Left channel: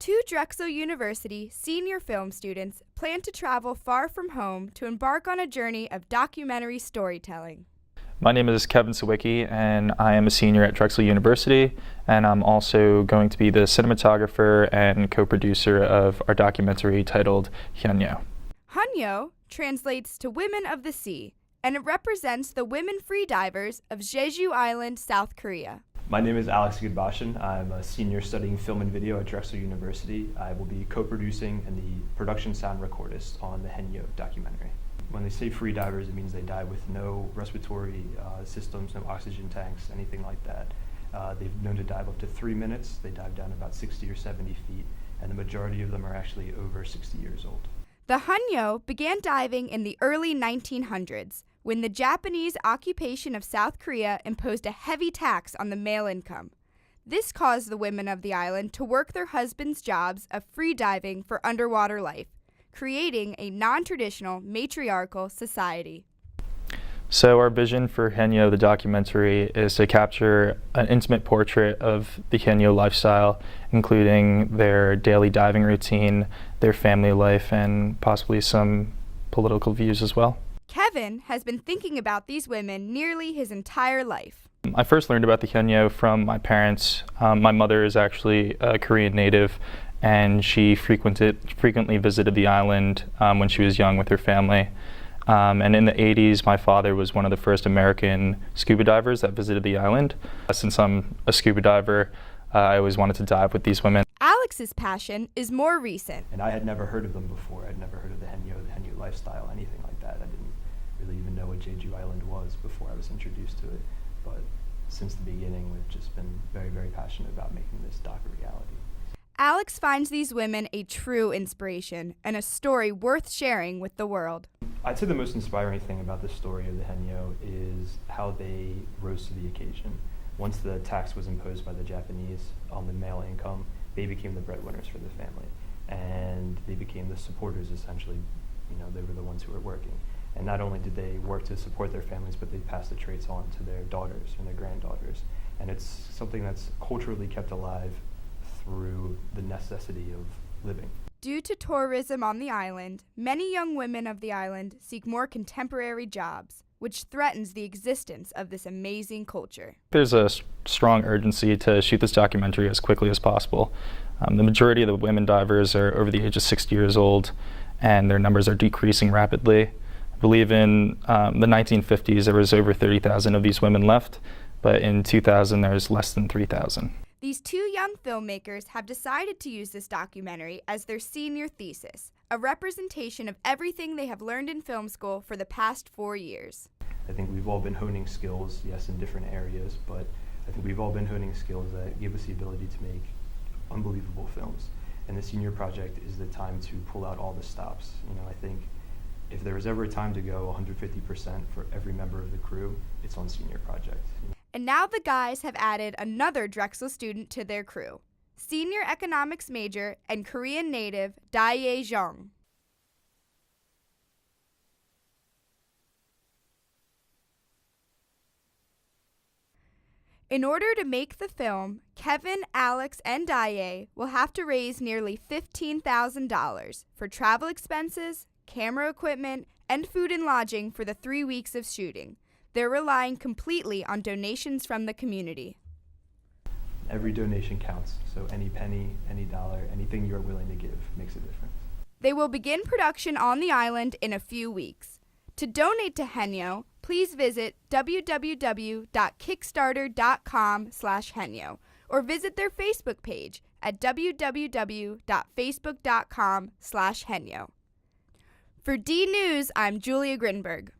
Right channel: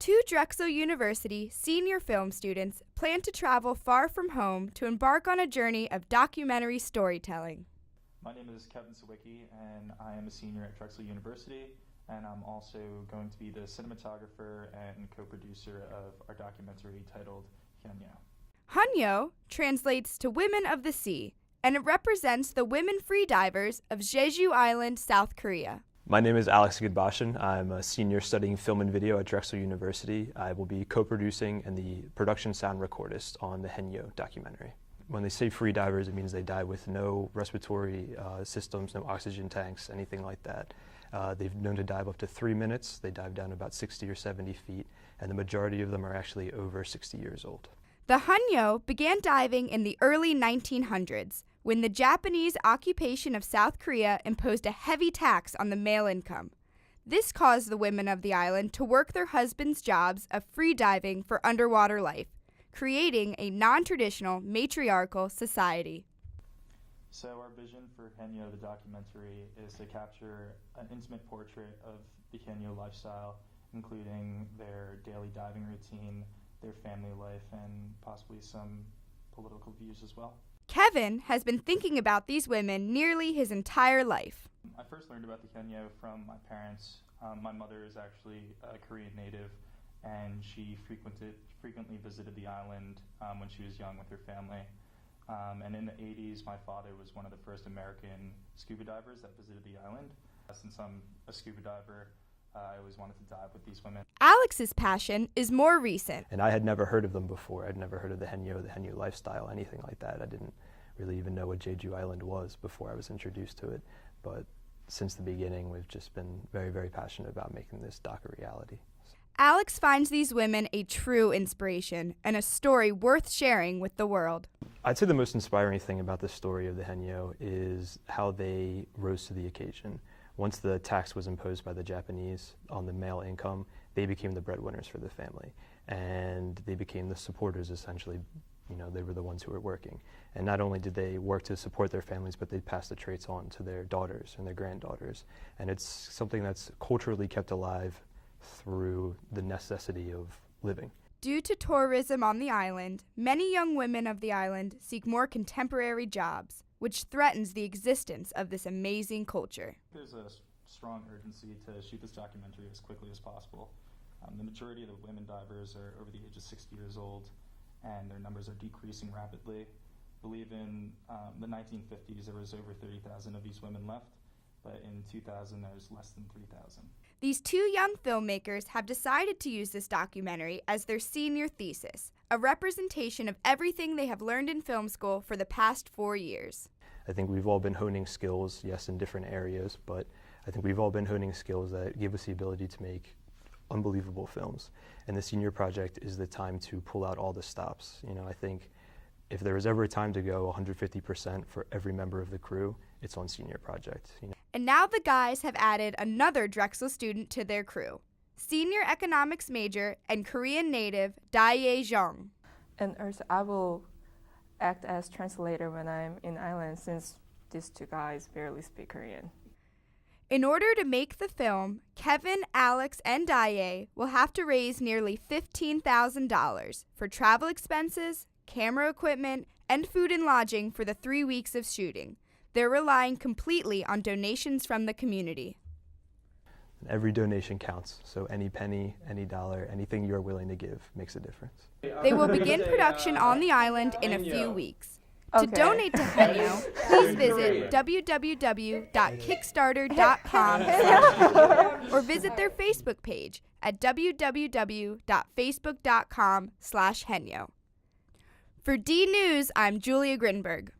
Two Drexel University senior film students plan to travel far from home to embark on a journey of documentary storytelling. My name is Kevin Sawicki, and I am a senior at Drexel University, and I'm also going to be the cinematographer and co-producer of our documentary titled Hanyo. Hanyo translates to Women of the Sea, and it represents the women freedivers of Jeju Island, South Korea. My name is Alex Goodbashian. I'm a senior studying film and video at Drexel University. I will be co-producing and the production sound recordist on the Hanyo documentary. When they say free divers, it means they dive with no respiratory systems, no oxygen tanks, anything like that. They've known to dive up to 3 minutes. They dive down about 60 or 70 feet, and the majority of them are actually over 60 years old. The Hanyo began diving in the early 1900s, when the Japanese occupation of South Korea imposed a heavy tax on the male income. This caused the women of the island to work their husbands' jobs of free diving for underwater life, creating a non-traditional matriarchal society. So our vision for Hanyo, the documentary, is to capture an intimate portrait of the Hanyo lifestyle, including their daily diving routine, their family life, and possibly some political views as well. Kevin has been thinking about these women nearly his entire life. I first learned about the Hanyo from my parents. My mother is actually a Korean native, and she frequently visited the island when she was young with her family. And in the 80s, my father was one of the first American scuba divers that visited the island. Since I'm a scuba diver, I always wanted to dive with these women. Alex's passion is more recent. And I had never heard of them before. I'd never heard of the Hanyo lifestyle, anything like that. I didn't really even know what Jeju Island was before I was introduced to it. But since the beginning, we've just been very, very passionate about making this doc a reality. Alex finds these women a true inspiration and a story worth sharing with the world. I'd say the most inspiring thing about the story of the Hanyo is how they rose to the occasion. Once the tax was imposed by the Japanese on the male income, they became the breadwinners for the family. And they became the supporters, essentially. You know, they were the ones who were working. And not only did they work to support their families, but they passed the traits on to their daughters and their granddaughters. And it's something that's culturally kept alive through the necessity of living. Due to tourism on the island, many young women of the island seek more contemporary jobs, which threatens the existence of this amazing culture. There's a strong urgency to shoot this documentary as quickly as possible. The majority of the women divers are over the age of 60 years old, and their numbers are decreasing rapidly. I believe in the 1950s there was over 30,000 of these women left, but in 2000 there's less than 3,000. These two young filmmakers have decided to use this documentary as their senior thesis, a representation of everything they have learned in film school for the past 4 years. I think we've all been honing skills, yes, in different areas, but I think we've all been honing skills that give us the ability to make unbelievable films. And the senior project is the time to pull out all the stops. You know, I think if there was ever a time to go 150% for every member of the crew, it's on senior project. You know? And now the guys have added another Drexel student to their crew, senior economics major and Korean native Dae Jung. And also I will act as translator when I'm in Island, since these two guys barely speak Korean. In order to make the film, Kevin, Alex, and Dae will have to raise nearly $15,000 for travel expenses, camera equipment, and food and lodging for the 3 weeks of shooting. They're relying completely on donations from the community. Every donation counts, so any penny, any dollar, anything you're willing to give makes a difference. They will begin production on the island in a few weeks. To donate to Hanyo, please visit www.kickstarter.com/Hanyo or visit their Facebook page at www.facebook.com/Hanyo. For D News, I'm Julia Grinberg.